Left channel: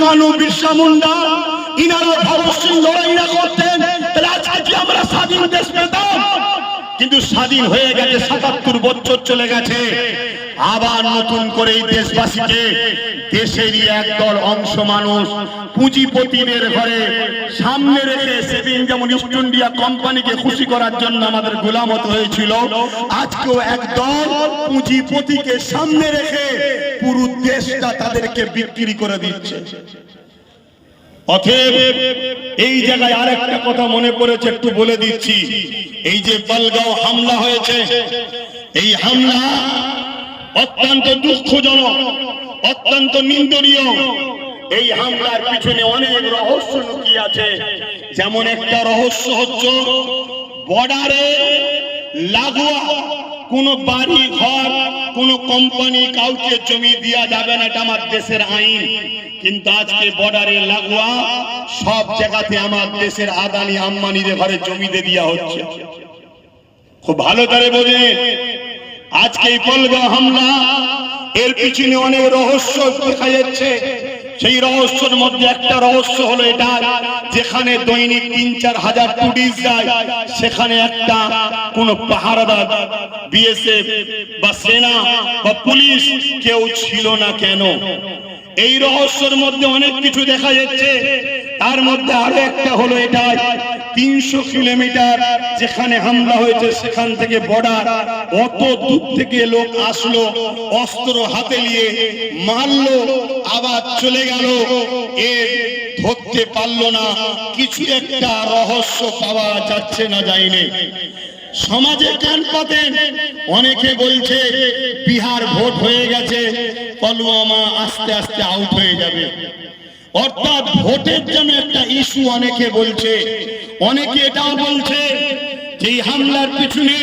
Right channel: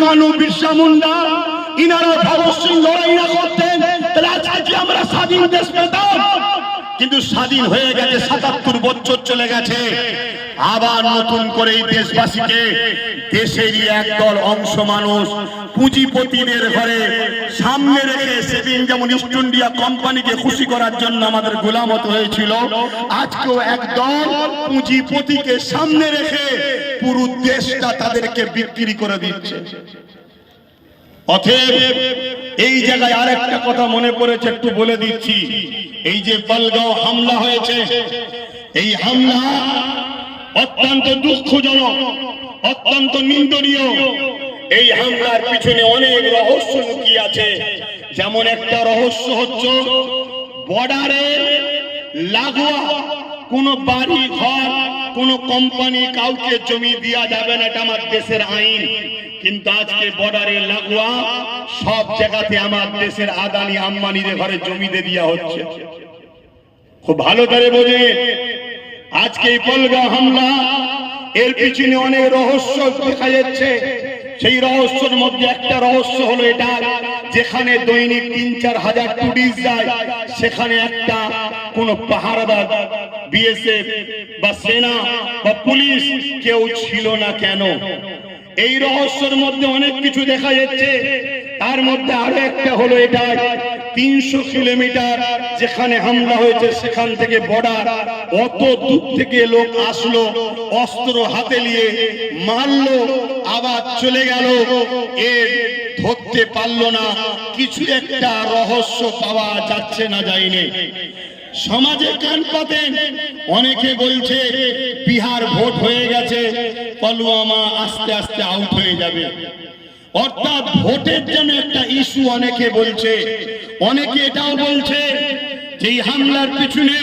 কানু বিরসা মুন্ডা, ইনারা ভগৎ সিং লড়াই না করতেন। তাহলে আজকে আমরা স্বাধীন দেশ পেতাম। কিন্তু স্বাধীন হয়ে গেছে, সাতাত্তর বছর চলে গেছে। আবার নতুন করে দেশবাসীকে দেশেরই একদল অংশ মানুষ পুঁজিপতিদের ঘরে সামনে রেখে সেদিন যেমন ইস্ট ইন্ডিয়া কোম্পানিকে খুশি করার জন্য আমাদের গোলামত হয়েছিল, আজকেও একদল পুঁজিপতিকে সামনে রেখে পুরো দেশটা তাদেরকে বিক্রি করে দিচ্ছে। অতএব এই জায়গায় আরেকটা কথা মনে পড়েছে, একটু বলে দিচ্ছি। এই যে বলগাঁও হামলা হয়েছে, এই হামলা অত্যন্ত দুঃখজনক, অত্যন্ত নিন্দনীয়। এই হামলার পিছনে অনেক রহস্য লুকিয়ে আছে। যেমন একটা রহস্য হচ্ছে, বর্ডারে লাগোয়া কোন বাড়ি ঘর কোন কোম্পানি কাউকে জমি দেওয়া যাবে না, এটা আমার দেশের আইন। কিন্তু আজকে বর্ডারে লাগোয়া সব জায়গাতে আমার দেশের আদানি আম্মানিদের ঘরে জমিতে দিয়ে দেওয়া হচ্ছে। খুব ভালো করে বোঝে। আজকে এই পলগা হামলা, এর পিছনে অনেক রহস্য দেখা যাচ্ছে। সেই রহস্যের মধ্যে একটা রহস্য হলো এটা, যেখানে দৈনিক তিন চার হাজার পুলিশ যায়, সেখানে একটা কোন পাহারাদার বিএসএফ বা সেনা বা পুলিশ কেউ ছিল না কেন? এই রহস্যের মধ্যে অনেক কিছু দেখা যাচ্ছে, তার মধ্যে আরও একটা হলো এটা তিনশো কিলোমিটার যেখানে হামলা হয়েছে, সেখান থেকে বর্ডার অত দূর থেকে লোক আসলো, অস্ত্র হাতে নিয়ে মারলো, আবার চলে গেল। এর ধরতে পারল না, কিছু একটা রহস্য পাওয়া যাচ্ছে না যায়নি সমাজে কান পাতেন, অনেকে বলছে বিহার ভোট হয়ে গেছে, পলুয়ামা আস্তে আস্তে আউট হয়ে যাবে। অর্থাৎ ভোটের জন্য একটা ইস্যু অনেকে বলছে। অনেকে এটাও বলছে যে হামলার পিছনে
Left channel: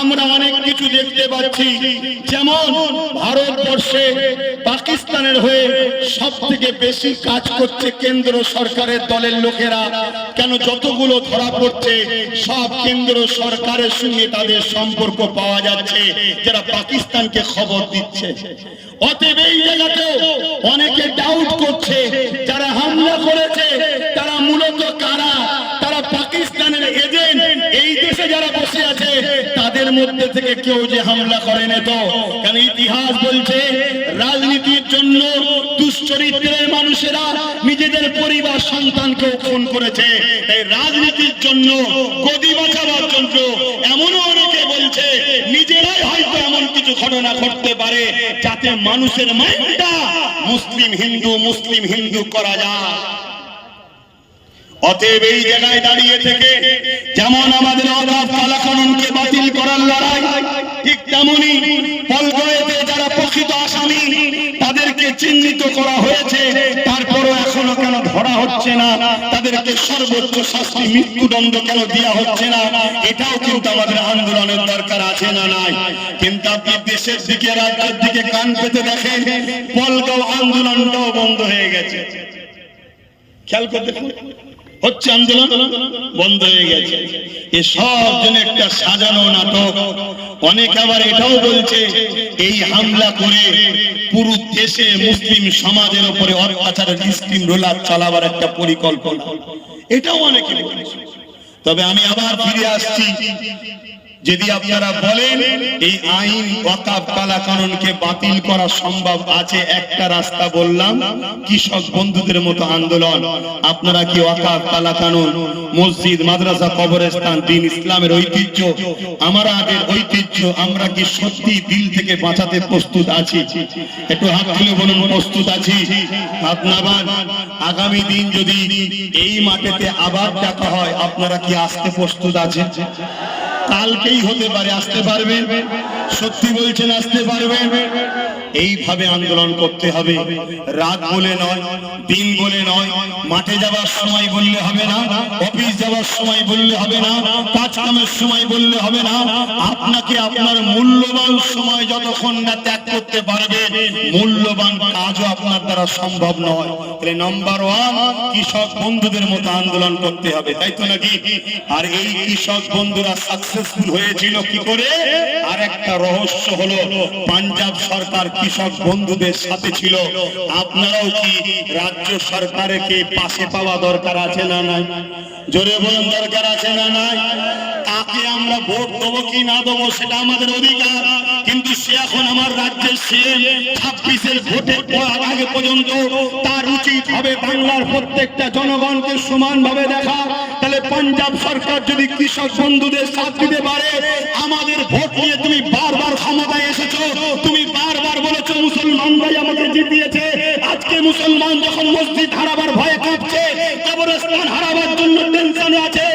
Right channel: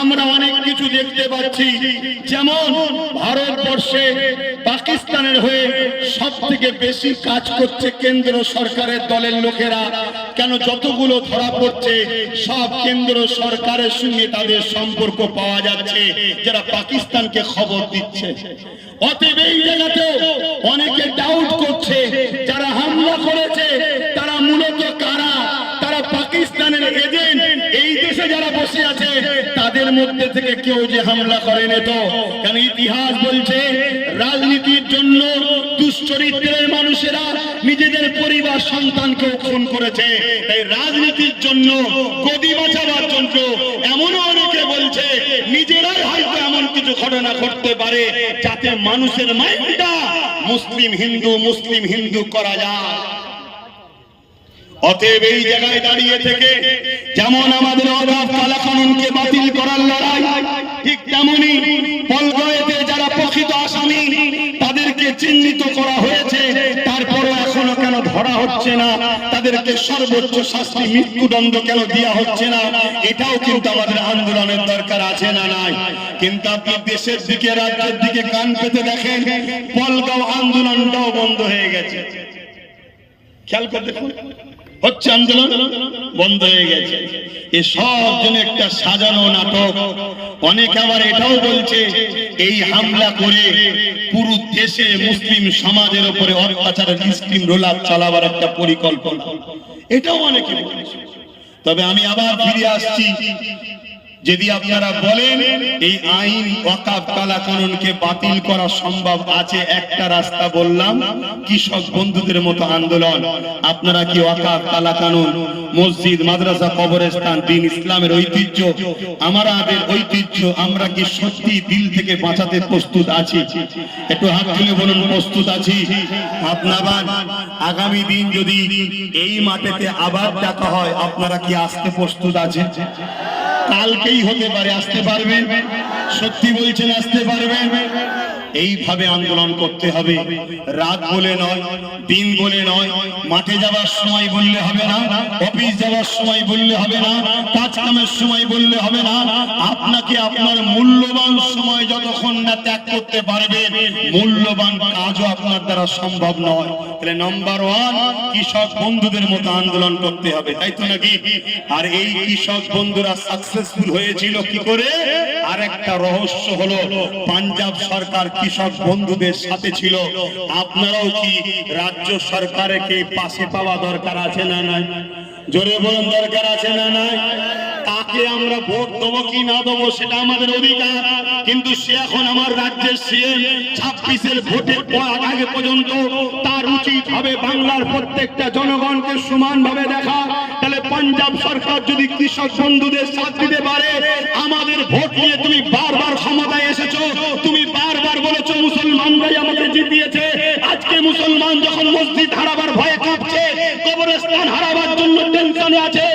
আমরা অনেক কিছু দেখতে পাচ্ছি। যেমন ভারতবর্ষে পাকিস্তানের হয়ে সব থেকে বেশি কাজ করছে কেন্দ্র সরকারের দলের লোকেরা। কেন যতগুলো ধরা পড়ছে সব কেন্দ্র সরকারের সঙ্গে তাদের সম্পর্ক পাওয়া যাচ্ছে, যারা পাকিস্তানকে খবর দিচ্ছে। অতএব এই জায়গাতে অনেকে ডাউট করছে, যারা হামলা করেছে, তারা মূলত কারা? তারা পাকিস্তানের এজেন্ট এই দেশে যারা বসে আছে, তাদের মধ্যে থেকে কেউ যে হামলা করেনি তো? কারণ ইতিহাস বলছে রাজনীতির জন্য দুশ্চরিত্রের মানুষেরা নিজেদের পরিবার সন্তানকে খুন করেছে। তাই রাজনীতির জন্য, গদি বাঁচাবার জন্য এমনও অনেকে বলছে, নিজেরাই হয়তো এমন কিছু ঘটনা ঘটতে পারে যাতে মানুষের মাইন্ডটা মুসলিম হিন্দু মুসলিম হিন্দু করা যায়। অতএব এই জায়গায় দাঁড়িয়ে থেকে যেমন আমাদের অভাব কালাকানুনকে বাতিল করার লড়াই, ঠিক তেমনি পলগয়েতে হচ্ছে না, তাদেরকে সর্বোচ্চ শাস্তি, মৃত্যুদণ্ড কেন দেওয়া হচ্ছে না? এটাও কিন্তু আমাদের আন্দোলনের দরকার আছে না নাই? কিন্তু আপনি দেশের দিকে, রাজ্যের দিকে কান পেতে দেখেন, পলগাঁও আন্দোলনটাও বন্ধ হয়ে গেছে। খেয়াল করে দেখুন, হচ্ছে আন্দোলন, বন্ধ হয়ে গেছে। এ সব জন্য একটা সাজানো নাটক অনেক আবার এটাও বলছে, এই হামলা করে পুরো দেশে মুসলিম সমাজের উপরে অত্যাচারের স্কিম রোলার চালাবার একটা পরিকল্পনা। এটাও অনেকে বলছে। তবে আমি আবার ফিরে আসছি যদি আপনারা বলেন, এই আইন ওয়াকাব কালা কানুনকে বাতিল করা সম্ভব আছে, একটা রাস্তা বললাম, কৃষক বন্ধুদের মতো আন্দোলন। আপনারা কি ওয়াকাব কালা কানুন, মসজিদ, মাদ্রাসা, কবরস্থান, দিন ইসলামের ঐতিহ্য আমাদের ঐতিহ্য, আমরা কি সত্যি দিল থেকে বাঁচাতে প্রস্তুত আছি? একটু হাত তুলে বলুন, প্রস্তুত আছি। আপনার আগামী দিন যদি এই মাঠেতে আবার ডাকা হয়, আপনারা কি আসতে প্রস্তুত আছেন? কালকেই হতে পারে, আসতে পারবে। সত্যি বলছেন, আসতে পারবে। এইভাবে আন্দোলন করতে হবে। রাত বলে নয় দিন বলে নয়, মাঠে যাবার সময় বললে হবে না, অফিস যাবার সময় বললে হবে না কাজ কামের সময় বললে হবে না। আপনাকে আপনার মূল্যবান সময় যতক্ষণ না ত্যাগ করতে পারবেন মূল্যবান কাজও আপনার দ্বারা সম্ভব নয়। তাহলে নাম্বার ওয়ান কৃষক বন্ধুদের মতো আন্দোলন করতে হবে, তাই তো নাকি? আর এই কৃষক বন্ধুরা সাকসেসফুল হয়েছিল কি করে? আর একটা রহস্য হলো, পাঞ্জাব সরকার কৃষক বন্ধুদের সাথে ছিল। আপনারাও কি রাজ্য সরকারকে পাশে পাওয়া দরকার আছে না নাই? জোরে বলুন, দরকার আছে না নাই? কাকে আমরা ভোট দেবো, কি না দেবো, সেটা আমাদের অধিকার। কিন্তু সে এখন আমার রাজ্যের সিএম ছাব্বিশের ভোটের পর আগে পর্যন্ত তার উচিত হবে বাংলার প্রত্যেকটা জনগণকে সমানভাবে দেখা। তাহলে পাঞ্জাব সরকার যদি কৃষক বন্ধুদের সাথ দিতে পারে, আমাদের ভোট নিয়ে তুমি বারবার ক্ষমতায় এসেছ। তুমি বারবার বলেছ, মুসলমানরাই আমাকে জিতিয়েছে। মুসলমান যখন মসজিদ হারাবার ভয়ে কাঁপছে কবরস্থান হারাবার জন্য টেনশনে আছে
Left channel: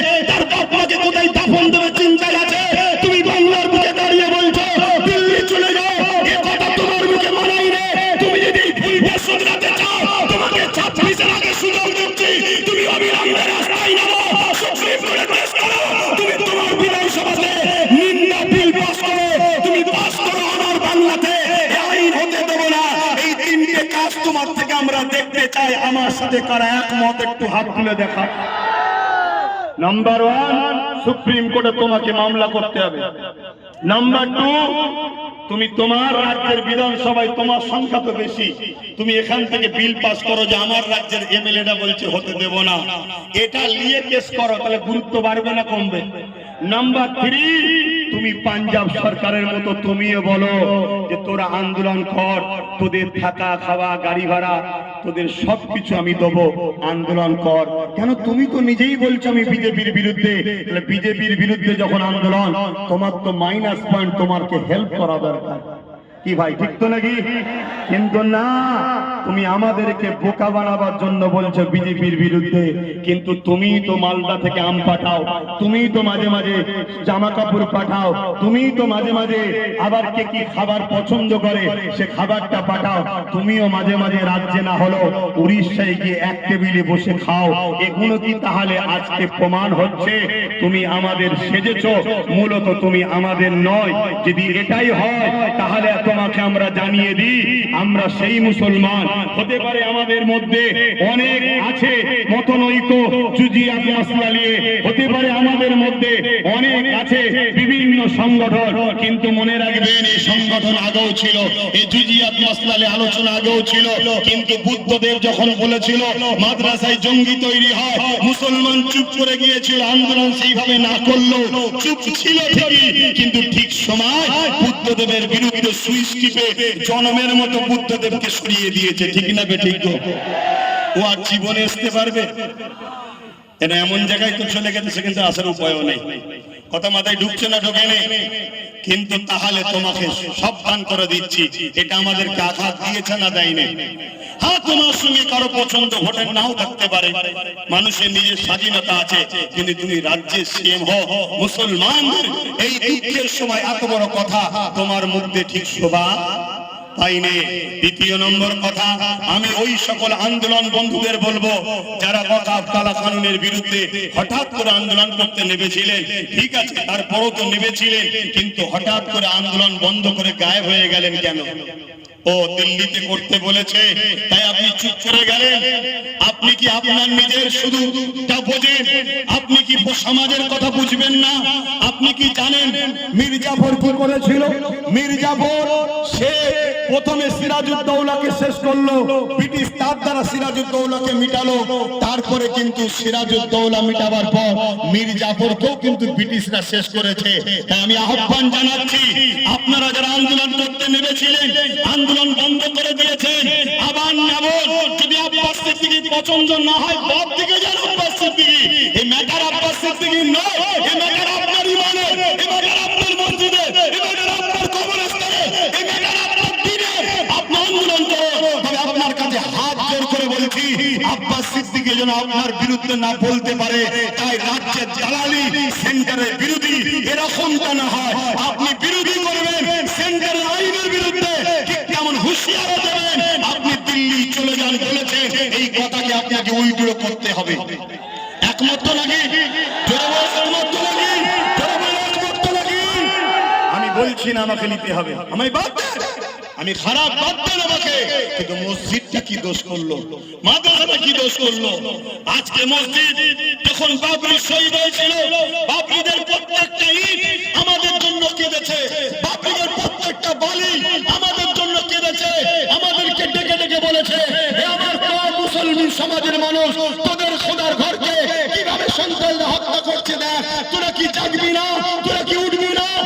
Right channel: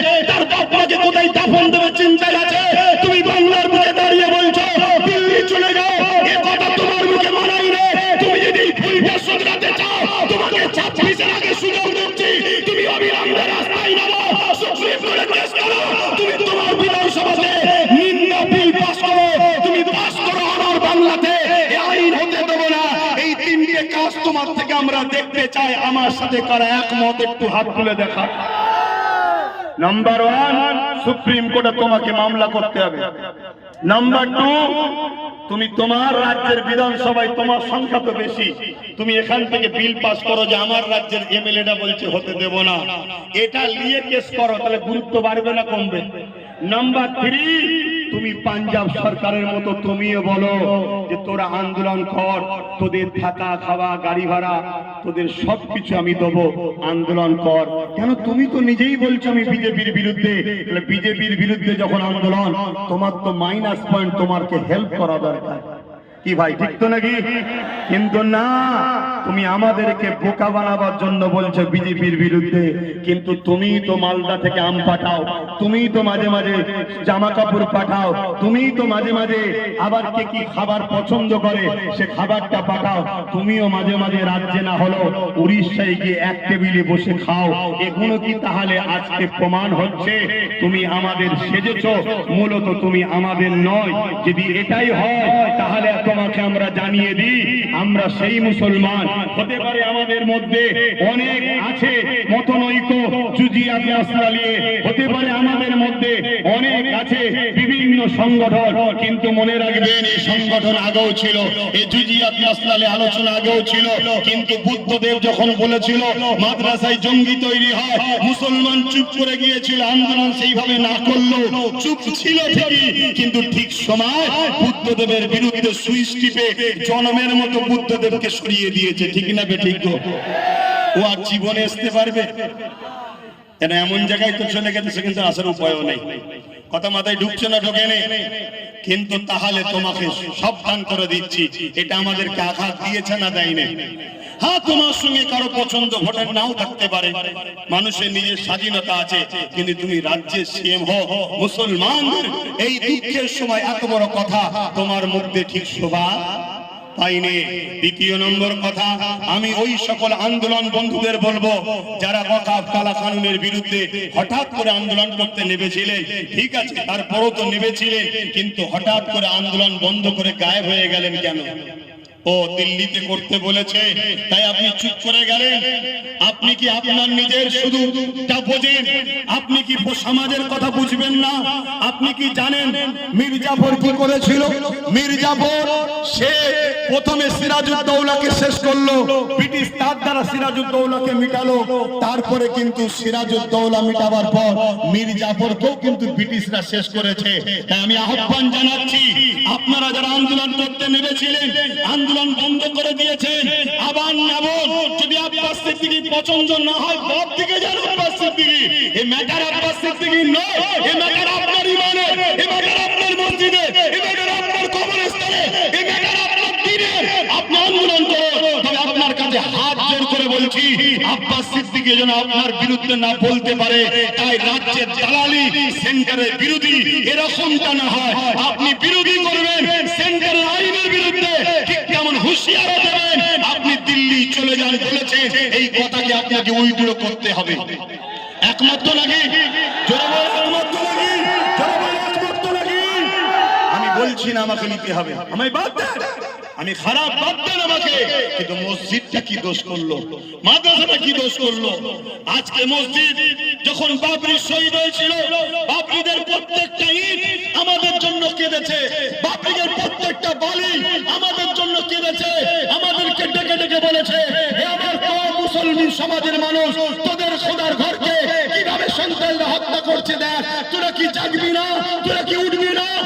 কারা একমত, একটু হাত তুলে দেখা নাম্বার ওয়ান সুপ্রিম কোর্টে তোমাকে মামলা করতে হবে। নাম্বার টু তুমি তোমার রাজ্যের বিধানসভায় তোমার সংখ্যা তো বেশি। তুমি এখান থেকে বিল পাস করো যে আমার রাজ্যের এমএলএটা বলছে, হতে দেব না। এটা নিয়ে কেস করো, তাহলে গুরুত্ব বাড়বে না কমবে। নাম্বার থ্রি তুমি পাঞ্জাব সরকারের মতো তুমিও বলো যে তোরা আন্দোলন কর, তোদের থাকা, খাওয়া, গাড়ি ভাড়া, তোদের সবকিছু আমি দেবো। আন্দোলন কর। কেন তুমি তো নিজেই বলছো আমি বিজেপির বিরুদ্ধে? বিজেপির বিরুদ্ধে যখন আন্দোলন, তোমার তো মাইনাস পয়েন্ট তোমারকে হেল্প করা দরকার। কি ভাই, ঠিক তো নাকি? কিন্তু না, তুমি আমাদেরকে বোকা বানাবার জন্য বলছো বিজেপির বিরুদ্ধে। কিন্তু তুমি তো মালদা থেকে আম পাঠাও তুমি তো মাঝে মাঝে জামা কাপড় পাঠাও তুমি তো মাঝে মাঝে আবার কে কি খাবার পছন্দ করে, সে খাবারটা পাঠাও। তুমিও মাঝে মাঝে রাজ্যে না হলো উড়িষ্যায় গিয়ে এক টেবিলে বসে খাও। এগুলো কি তাহলে আজকে প্রমাণ হচ্ছে? তুমি আমাদের সেজেছ, মূলত তুমি আমাদের নয়। যদি এটাই হয়, তাহলে তোমাকে আমরা জানিয়ে দিই, আমরা সেই মুসলমান। হতে পারে আমাদের মধ্যে অনেক আছে মতনৈক্য জুজিয়া আসলালিয়ে। হতে পারে আমাদের মধ্যে অনেক আছে বিভিন্ন সংগঠন কিন্তু মনে রাখবেন এই সংগঠন আগেও ছিল আলোচনা আগেও ছিল। কিন্তু বুদ্ধদেব যখন বলেছিল, মাদ্রাসায় জঙ্গি তৈরি হয়, মুসলমান চুপ করে গিয়েছিল, আন্দোলন সেইভাবে না করল চুপ ছিল ঠিকই। কিন্তু ঠিক সময় বুদ্ধদেবের বিরুদ্ধে সুইচ টিপে জনমের মতো বুদ্ধদেবকে সরিয়ে দিয়েছে, ঠিক না বে ঠিক ও আর জীবনে আসতে পারবে? কেন এমন জায়গায় তো চলে গেছে সেখানে আসার উপায়ও নেই। কথা মাথায় ঢুকছে না ঢোকে নেই কিন্তু তাহলে তোমাকে সাবধান করে দিচ্ছি। এটা আমাদেরকে আঘাত দিয়েছে না দেয়নি? হ্যাঁ তোমার সঙ্গে কারও পছন্দ নাও থাকতে পারে। মানুষের নিজের স্বাধীনতা আছে, কিন্তু তুমি রাজ্যের সিএম হো মুসলমানদের, এই দ্বিতীয় সময় এত বড় কথা, তোমার মধ্যে ঠিক শোভা পাইনি দ্বিতীয় নম্বর কথা, আমি ওই সকল আন্দোলন বন্ধুদের বলব, যারা কথা কালা কানুনের বিরুদ্ধে হঠাৎ করে আন্দোলন করতে নেমেছিলেন, ঠিক আছে, তারপরও তো নেমেছিলেন, কিন্তু হঠাৎ করে আন্দোলন বন্ধ করে গায়েব হয়ে গেলেন কেন? ও দিল্লিতে করতে বলেছে, তাই আপনি চুপ করে গেলেন। আপনি কি আপনার নিজের শুধু আপনি কি সমাজের কথা বুঝবেন না? আপনি কি জানেন মির্জাফর কি করেছিল? মির্জাফর, সে প্রথমে সিরাজউদ্দৌলাকে শেষ করল, ব্রিটিশ তার দ্বারা সিরাজউদ্দৌলাকে মিটালো। তারপরে কিন্তু সিরাজউদ্দৌলা মিটাবার পর মির্জাফরকেও কিন্তু ব্রিটিশরা শেষ করেছে। তাই আমি আহ্বান জানাচ্ছি করতে নেমেছিলেন। আন্দোলন বন্ধ করে দিয়েছেন। আবার নেব, যদি আব্বাস সিদ্দিকী পছন্দ না হয় পর থেকে যান আব্বাস সিদ্দিকী। এই ম্যাটার আব্বাস সিদ্দিকী নয় এই ম্যাটার আপনার ইমানে এই ম্যাটার আপনার মসজিদে এই ম্যাটার আপনার কবরস্থানে এই ম্যাটার আপনার দিনে আপনি আন্দোলন আপনার কাছে হাত জোর করে বলছি, আব্বাস সিদ্দিকী যেন আপনার বিরুদ্ধে না বলতে পারে, তাই রাজ্যের দালালি, সেন্টারের বিরোধী, এরকমটা না হয়। আমি বলছি না আমাকে নিতে হবে। দেন আমি খারাপ বাদ আমাকে। কিন্তু মসজিদটা কি দোষ করল? মাদ্রাসাটা কি দোষ করল? আজকে মসজিদ যখন বাবরি শহীদ হয়েছিল, বাবরিদের প্রত্যেকটা ইট আমাদের জন্য কেঁদেছে। বাবরিদের প্রত্যেকটা বালি আমাদের জন্য কেঁদেছে। আমাদেরকে ডেকে ডেকে বলেছে, "এ আমার মুসলমান সমাজের মানুষ তোদের খোদার ঘরকে কীভাবে সন্তানরা হত্যা করছে দেখ তোরা কি জাগবি না তোরা কি উঠবি না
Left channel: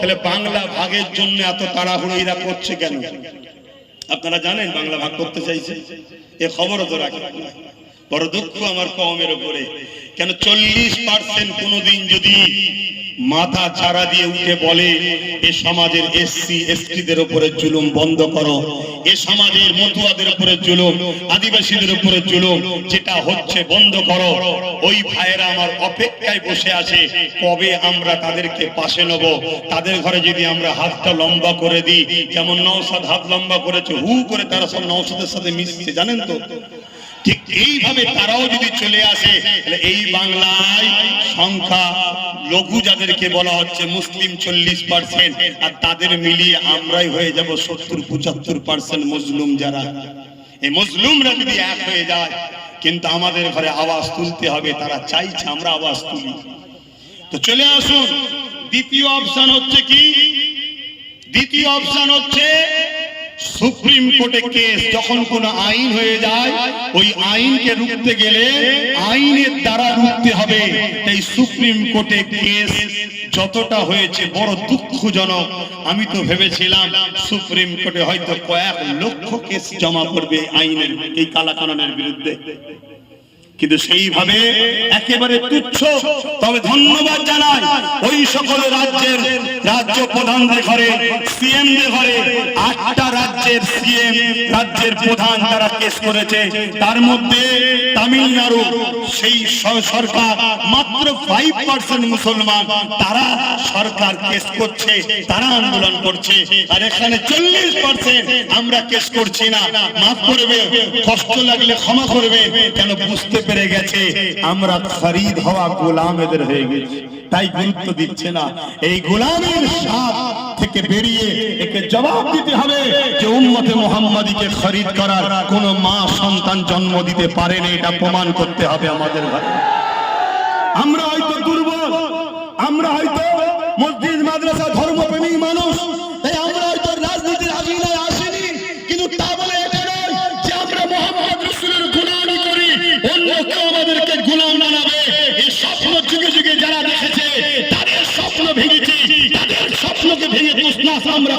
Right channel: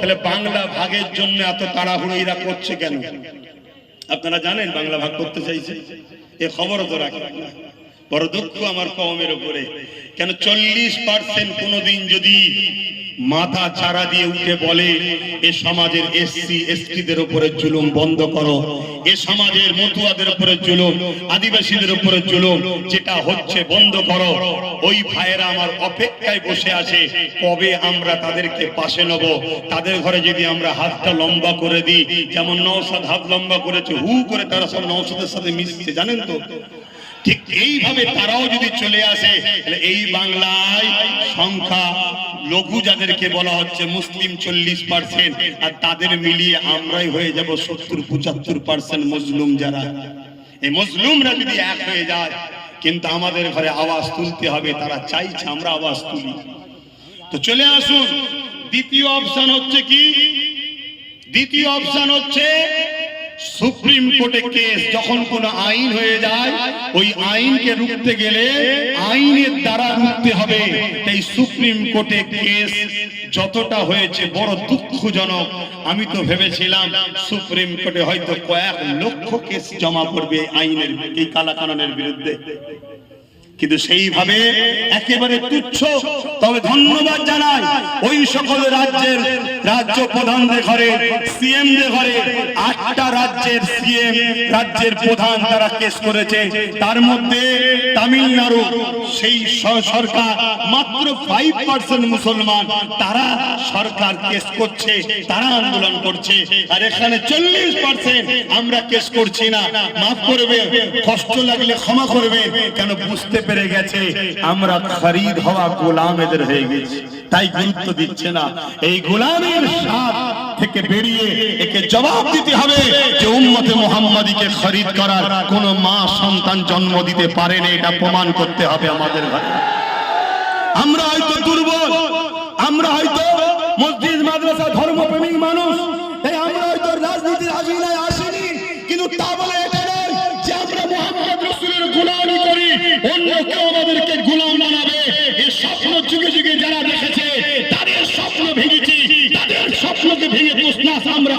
তাহলে বাংলা ভাগের জন্য এত তাড়াহুড়ো এরা করছে আপনারা জানেন বাংলা ভাগ করতে চাইছে। এ খবরও তো রাখি। বড় দুঃখ আমার কমের উপরে। কেন চল্লিশ পার্সেন্ট কোনোদিন যদি মাথা চারা দিয়ে উঠে বলে, এ সমাজের এসসি, এসটিদের উপরে জুলুম বন্ধ করো। এ সমাজের মতুয়াদের উপরে জুলুম, আদিবাসীদের উপরে জুলুম, যেটা হচ্ছে বন্ধ করো। ওই ভাইয়েরা আমার অপেক্ষায় বসে আছে, কবে আমরা তাদেরকে পাশে নেব? তাদের ঘরে যদি আমরা হাতটা লম্বা করে দিই, যেমন নৌসাদ হাত লম্বা করেছে, হু করে তারা সব নৌসাদের সাথে মিশছে, জানেন তো? ঠিক এইভাবে তারাও যদি চলে আসে এই বাংলায় সংখ্যা লঘু যাদেরকে বলা হচ্ছে মুসলিম চল্লিশ পার্সেন্ট আর তাদের মিলিয়ে আমরাই হয়ে যাব সত্তর, পঁচাত্তর পার্সেন্ট মুসলিম যারা। এই মুসলিমরা যদি এক হয়ে যায়, কিন্তু আমাদের ঘরে আওয়াজ তুলতে হবে, তারা চাইছে আমরা আওয়াজ তুলি। তো চলে আসুন, দ্বিতীয় অপশন হচ্ছে কি? দ্বিতীয় অপশন হচ্ছে সুপ্রিম কোর্টে কেস যখন কোন আইন হয়ে যায়, ওই আইনকে রুখতে গেলে আইনের দ্বারা রুখতে হবে। এই সুপ্রিম কোর্টে কেস যতটা হয়েছে বড় দুঃখজনক। আমি তো ভেবেছিলাম সুপ্রিম কোর্টে হয়তো কয়েক লক্ষ কেস জমা পড়বে আইনের, এই কালাকানুনের বিরুদ্ধে। কিন্তু সেইভাবে একেবারে তুচ্ছ। তবে ধন্যবাদ জানাই ওই সকল রাজ্যের রাজ্য প্রধানদের ঘরে সিএম দের ঘরে আটটা রাজ্যের সিএম, রাজ্যের প্রধান তারা কেস করেছে। তার মধ্যে তামিলনাড়ু, সেই সরকার মাত্র ফাইভ পার্সেন্ট মুসলমান, তারা সরকার কেস করছে, তারা আন্দোলন করছে। আর এখানে চল্লিশ পার্সেন্ট আমরা কেস করছি না। মাফ করবে, কষ্ট লাগলে ক্ষমা করবে, কেন বুঝতে পেরে গেছে? আমরা খরিদ হওয়া গোলাম এদের হয়ে গেছি। তাই গুরুত্ব দিচ্ছে না। এই গোলামের স্বাদ থেকে বেরিয়ে একে জবাব দিতে হবে যে উম্মতে মোহাম্মদীকে খরিদ করার কোন মা সন্তান জন্ম দিতে পারেনি, এটা প্রমাণ করতে হবে আমাদের ঘরে। আমরা হয়তো দুর্বল, আমরা হয়তো মসজিদ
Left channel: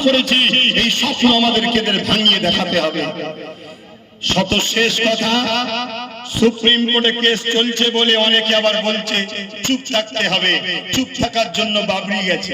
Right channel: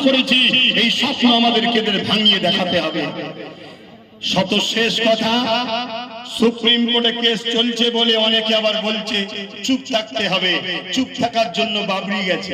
করেছি, এই স্বপ্ন আমাদেরকে ভাঙিয়ে দেখাতে হবে। শত শেষ কথা, সুপ্রিম কোর্টে কেস চলছে বলে অনেকে আবার বলছে, চুপ থাকতে হবে। চুপ থাকার জন্য বাবরি গেছে।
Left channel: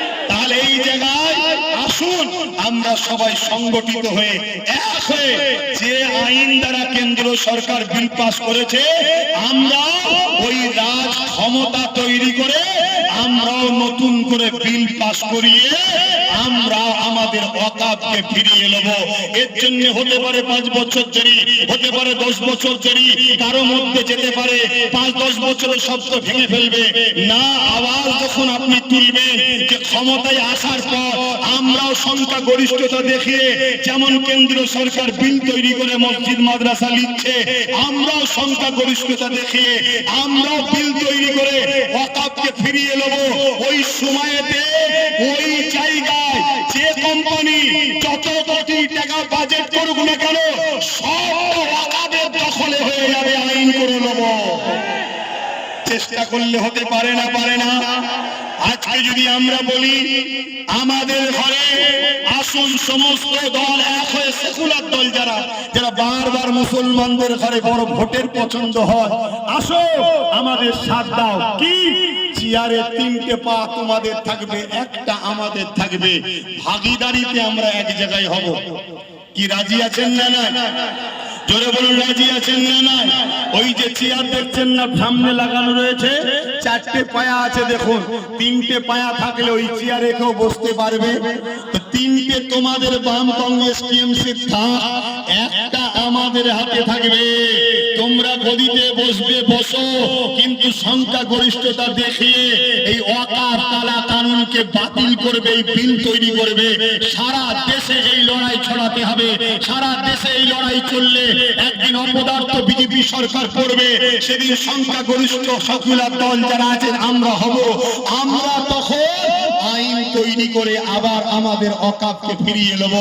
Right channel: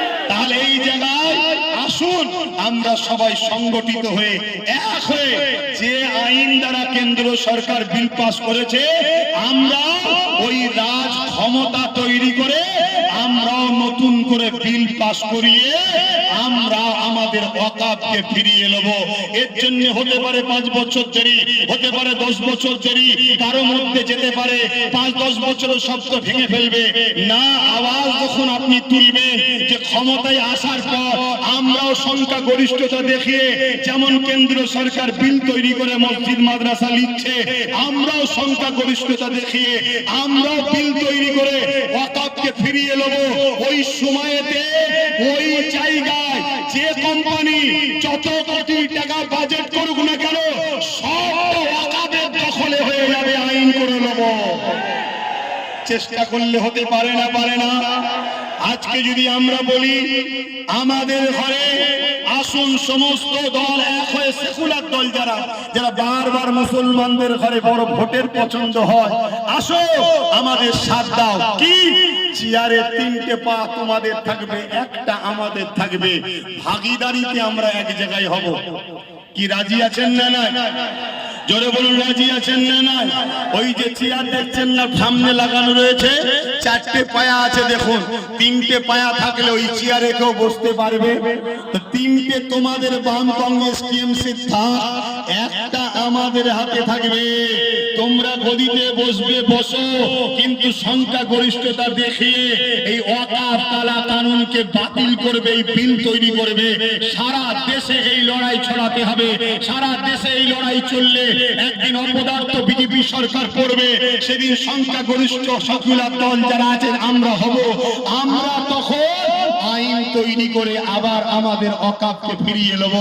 এই জায়গায় আসুন, আমরা সবাই সংগঠিত হয়ে এক হয়ে যে আইন দ্বারা কেন্দ্র সরকার বিল পাস করেছে, আমরা ওই রাজ ক্ষমতা তৈরি করে করিয়ে আমরা আমাদের অকাপকে ফিরিয়ে নেব। এর জন্য হতে পারে পাঁচ বছর দেরি হতে পারে দশ বছর দেরি কারও মধ্যে যেতে পারে পাঁচ দশ বছরের শব্দ ভেঙে ফেলবে। না আওয়াজ যখন আপনি তুলবেন যে ক্ষমতায় আসার পর আমরাও সংখ্যা গরিষ্ঠতা দেখিয়ে যেমন কেন্দ্র সরকার বিল তৈরি করে মসজিদ, মাদ্রাসা লিখছে, আমরাও সংখ্যা গরিষ্ঠতা দেখিয়ে আমরাও বিল তৈরি করে ওয়াকাবকে ফিরিয়ে নেব। ওই সময়েতে ওই জায়গায় যে কোম্পানি যত কোটি টাকা বাজেট করুক না কেন, সব ওয়াকাবের দখলে হয়ে যাবে আইন করে নেব। চেষ্টা করলে হতে পারে না পারে না। আজকে যদি আমরা বলি, আমাদের ঘরে আসুন সমস্ত দল এক হয়ে সেকুলার দল যারা যারা বারবার মুসলমানদের ঘরে বড় ভোটের পছন্দ হয়, আসো, আমাদের সাথ দাও। কি? চেয়ারে তিনটে পা তোমাদের থাকবে, একটা আমাদের থাকবে। ভাগিদারিতে আমরা এক জায়গায় হব। কি রাজি আছেন না না রাজি আছেন ওই যে চেয়ার দেখছেন না লাগানো রয়েছে। চারটে পায়া আছে, দেখুন। তিনটে পায়া থাকলে ওই কেউ বসতে পারবে। তিনটে তোমাদের বাম একটা আমাদের হাতে থাকবে। গদিতে বসবে, বসো। কিন্তু সংখ্যা গরিষ্ঠতা দেখিয়ে এই অকার তালা কানুনকে বাতিল করবে, এই বিল তৈরি করবে। সারা দেশে এই লড়াই ছড়াতে হবে। সারা দেশে এই লড়াই চললে একদিন অপদার্থ বিজেপি সরকার করবে সেদিন সংখ্যা গরিষ্ঠ সকুলার দল যারা আছেন, আমরা হব। আমরা তখন তৈরি করে আবার আমাদের অকাপকে ফিরিয়ে নেব।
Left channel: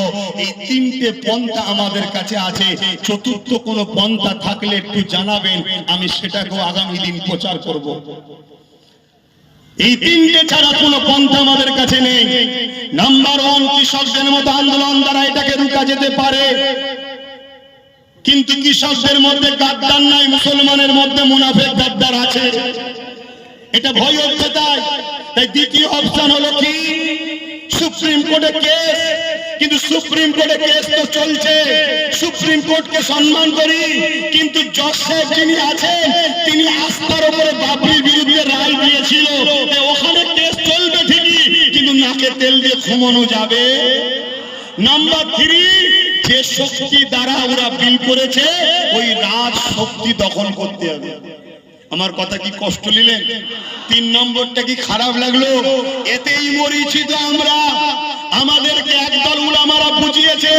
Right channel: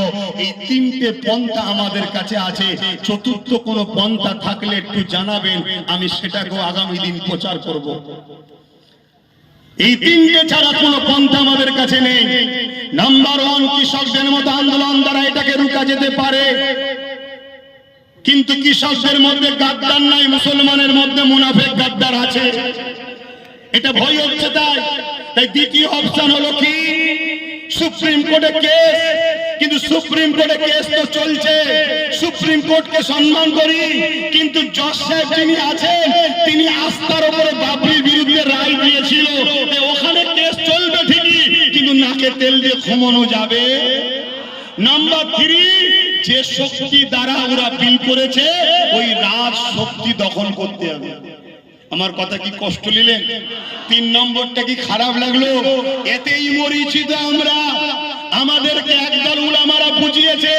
এই তিনটে পন্থা আমাদের কাছে আছে। চতুর্থ কোনো পন্থা থাকলে একটু জানাবেন, আমি সেটাকেও আগামী দিন প্রচার করব। এই তিনটে ছাড়া কোনো পন্থা আমাদের কাছে নেই। নাম্বার ওয়ান কৃষকদের মতো আন্দোলন দ্বারা এটাকে রুকা যেতে পারে। কিন্তু কৃষকদের মধ্যে গাদ্দার নাই, মুসলমানের মধ্যে মুনাফেক গাদ্দার আছে। এটা ভয় হচ্ছে তাই তাই দ্বিতীয় অপশন হলো কি? সুপ্রিম কোর্টে কেস কিন্তু সুপ্রিম কোর্টে কেস তো চলছে। সুপ্রিম কোর্টকে সম্মান করি, কিন্তু জজ সাহেব যিনি আছেন, তিনি আস্থার উপরে বাবরির বিরুদ্ধে রায় দিয়েছিল। ওখানে কেস চলবে ঠিকই, কিন্তু নাকে তেল দিয়ে ঘুমানো যাবে। নাম্বার থ্রি যে শক্তি দ্বারা ওরা বিল করেছে, ওই রাজ শক্তি দখল করতে হবে। আমার কথা কি কষ্ট নিলেন? তিন নম্বরটা কি খারাপ লাগল? এতেই মরিছি তো আমরা। আমাদেরকে একদল উলামারা বুঝিয়েছে,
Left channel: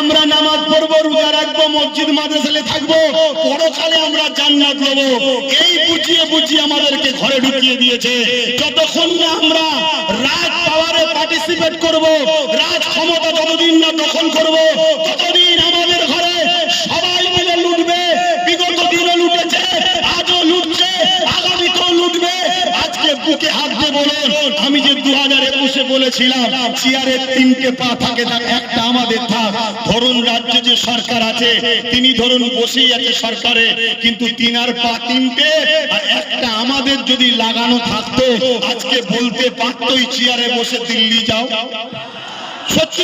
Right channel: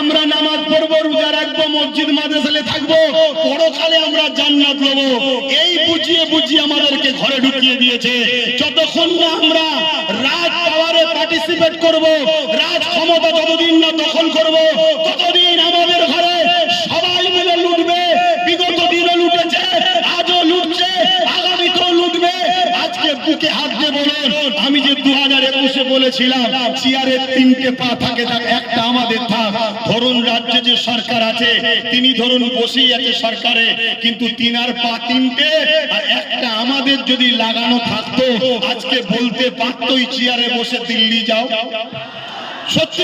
আমরা নামাজ পড়ব, রোজা রাখব, মসজিদ, মাদ্রাসালে থাকব, পরকালে আমরা জান্নাত নেব। এই বুঝিয়ে বুঝিয়ে আমাদেরকে ঘরে ঢুকিয়ে দিয়েছে। যতক্ষণ না আমরা রাজ পাওয়ারে পার্টিসিপেট করব, রাজ ক্ষমতা যতদিন না দখল করব, ততদিন বলেছিলাম চেয়ারের তিনটে পা থাকে, একটা আমাদের থাক। ধরুন রাজ্যে যে সরকার আছে, তিনি ধরুন বসেই আছে সরকারে, কিন্তু তিনার পা তিনটে একটা আমাদের যদি লাগানো থাকতো, আজকে বলতে পারতো চেয়ারে বসে দিল্লি যাও। সত্যি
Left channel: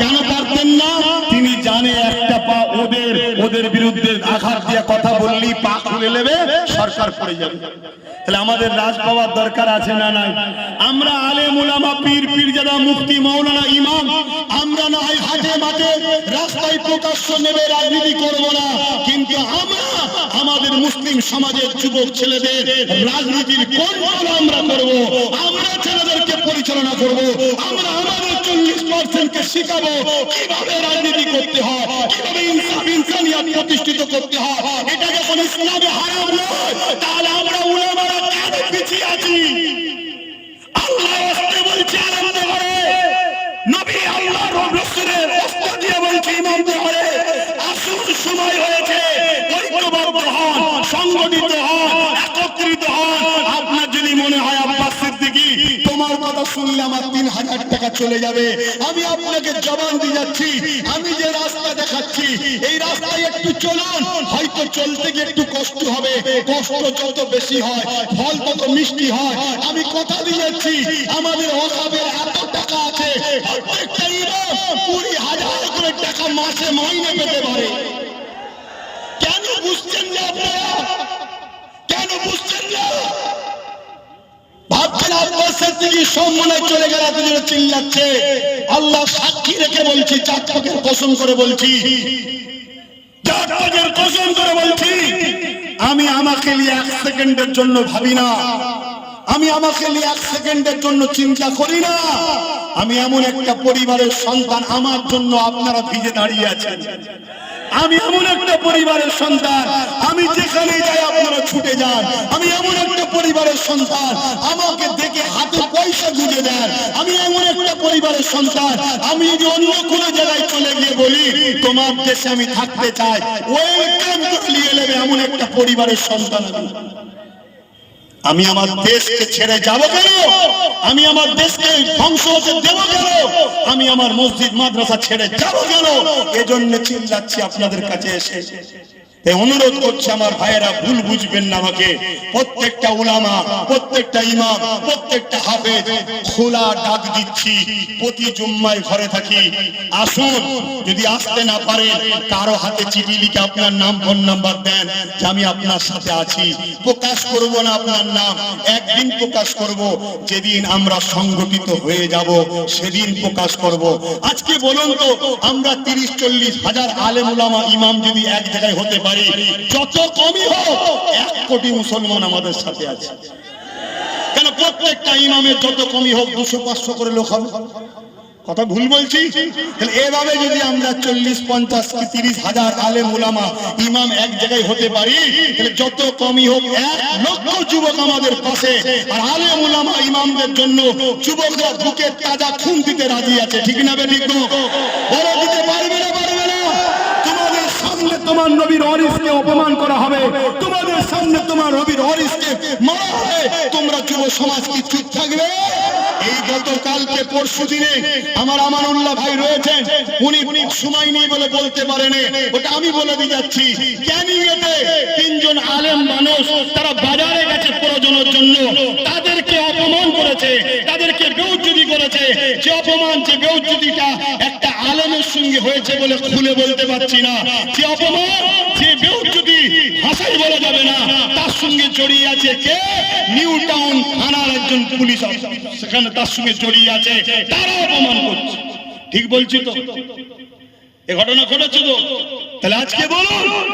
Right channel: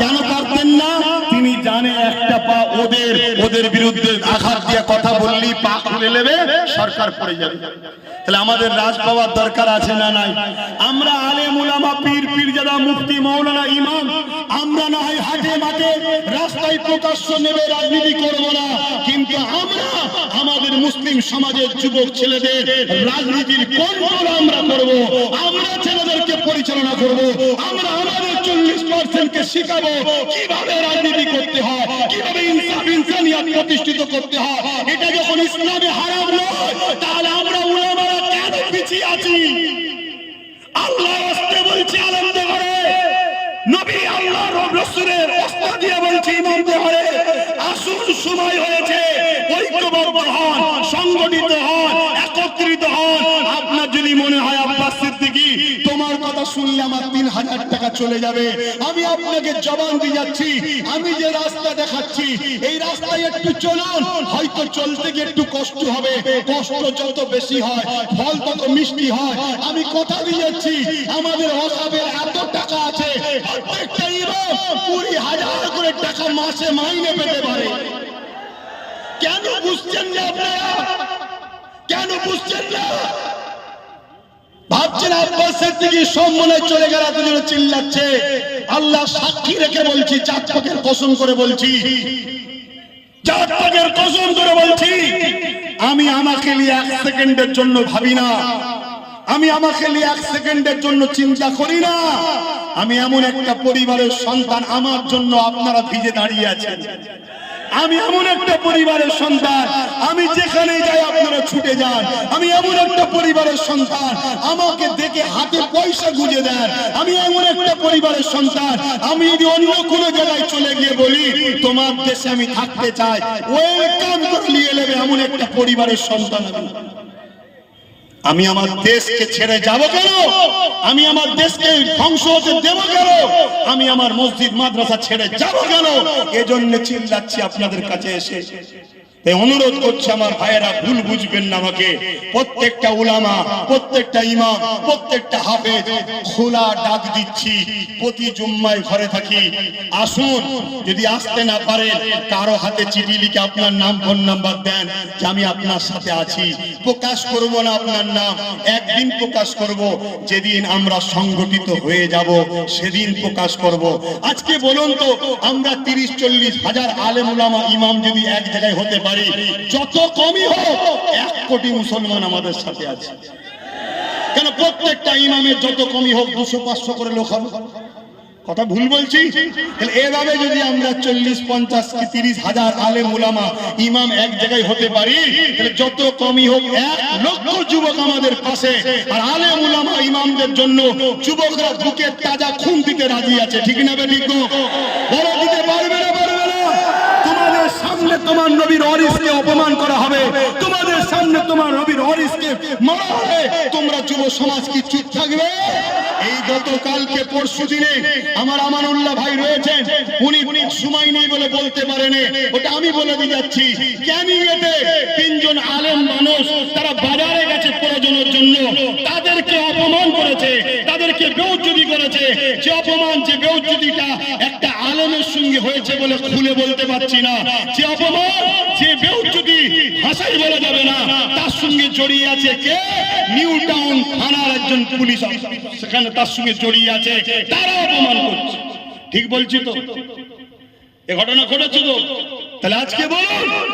কেন পারতেন না? তিনি জানে একটা পা ওদের ওদের বিরুদ্ধে দিয়ে কথা বললি, পা খুলে নেবে, সরকার পড়ে যাবে। তাহলে আমাদের রাজ পাওয়ার দরকার আছে না নাই? আমরা আলে মুলামা পীর, পীরজাদা, মুফতি, মাওলানা, ইমাম, আমরা না হয় হাটে মাঠে রাস্তায় প্রকাশ্য নেবে রাজনীতি করব না, কিন্তু আমরা আমাদের মুসলিম সমাজের যুবক ছেলেদের রাজনীতির কন্ট্রোল আমরা করব, আমরা ছেলেদেরকে পরিচালনা করব, আমরা আমাদের চল্লিশ পার্সেন্টকে শিখাবো। কীভাবে রাজনীতি করতে হয়, কীভাবে ইনসাফ ইনসানিয়াত প্রতিষ্ঠিত করতে হয়, এটা যখন ইসলামে হারাম নয়, তাহলে আমরা উলামারা কেন পিছিয়ে আছি? আমার তিন হাজার টাকা চলে যাবে। আমি আপনাকে জবান দিয়ে যাচ্ছি। আমি যে রাস্তা দেখাচ্ছি, এই রাস্তায় একটু চলুন। হয়তো চলতে গিয়ে একটু কষ্ট হবে। কষ্ট যত বেশি হয়, ফল তত মিষ্টি হয়। আমি কথা দিয়ে যাচ্ছি, আমাদের অভাবের এত টাকা আছে। কুড়ি হাজার করে টাকা মাসে মাইনে পেতে পারে। কেন বুঝছেন না আপনারা? কেন বুঝছেন না? আমি আমাকে এক সেকেন্ডের জন্য ভাবি না। আমি আমাকে নিয়ে এক সেকেন্ডের জন্য চিন্তা করি না। আমি এমন একটা পরিবারের সন্তান আমার জন্য আপনারা ভিজে দাঁড়িয়ে আছেন। আমি এমন একটা পরিবারের সন্তান, আমি যেখানে যাই আপনারা ছুটে যান। আমি এমন একটা পরিবারের সন্তান, আমাকে দেখে হাতে পয়সা গুঁজে দেন। আমি এমন একটা পরিবারের সন্তান, আমি যদি অন্য কোনো জায়গায় চলে গিয়ে বলি, তোমার দেশে আমি থাকতে চাই। ওয়েলকাম করে নিয়ে নেবে এমন একটা পরিবারের সন্তান আমি। আমি আমার দেশকে ছেড়ে যাব কেন? আমি আমার দেশকে ধ্বংস হতে দেব কেন? আমি আমার মসজিদ মাদ্রাসা ছেড়ে যাব কেন? এজন্য চিল্লাচ্ছি আপনাদের কাছে এসে। অনুরোধ করছে আমার ভাইয়েরা, ভুল বুঝবেন না আমাকে। প্রত্যেকটা উলামা, প্রত্যেকটা ইমাম, প্রত্যেকটা হাফেজ, খোলা ডাক দিচ্ছি, প্রতি জুম্মায় ঘরে থাকি। আসুন, যদি আসতে না পারেন, কারও হাতে চিঠি লিখে আপনার নাম, ফোন নাম্বার দেন যে আমি আপনার সাথে আছি। প্রকাশ করব না আপনার নাম, একদিন প্রকাশ করব, যেদিন আমরা সংগঠিত হয়ে যাব, সেদিন প্রকাশ করব। আজকে বলুন তো, আমরা তিরিশ, চল্লিশ হাজার আলেম উলামা, ইমাম যদি এক জায়গায় হতে পারি যত কমই হোক, এক কোটি মুসলমান আমাদের সাথে আছে। কেন প্রত্যেকটা ইমামের যত কমই হোক, দুশো, পাঁচশো করে লোক হবে? কথা ভুল বলছি? এভাবে যদি আমরা চল্লিশ, পঞ্চাশ কি তিরিশ হাজার আলেম, উলামা, ইমাম এক জায়গায় হতে পারি, তাহলে যত কমই হোক, এক লক্ষ যুবক আমাদের পাশে। আর আলেম, উলামা, ইমামদের জন্য যুবকরা বুকের তাজা খুন দিতে রাজি আছে। ঠিক না বে ঠিক না? বলো দিতে পারবে না পারবে না তোমাদের সামনে তোমার নবীর অরিসকে অপমান করা হবে। তোমাদের সামনে তোমার নবীর অরিসকে মারা হবে। তোমরা যুব সমাজ কি চুপ থাকবে? এই গতকালকে পরশু দিনে আমার আমানুল্লাহ ভাই রয়েছেন। উনি সময় নেই বলে বলতে পারেন। ওটা আমি বলে দিয়ে যাচ্ছি। ক্যানিংয়েতে তিনজন আলেম মানুষ তারা বাজারে গেছে প্রয়োজনের জন্য তাদেরকে অপমান করেছে তাদেরকে বেউজ্জুদি করেছে যে অপমান যে বেউজ্জুদিটা একটা আলেমের সঙ্গে হয়েছে বলে খুলে বলতে পারছি না। যে অপমান, যে বেউজ্জুদি ভাষাই বলা যাবে না, তার সঙ্গে জড়িয়ে আছে কে? নিউ টাউন থানার একজন পুলিশ সেখানে তার সঙ্গে জড়িয়ে আছে, তারা অপমান করছে। ঠিক বলছি তো? এ ঘটনা ঘটেছে তো? তাহলে আজকে বলুন।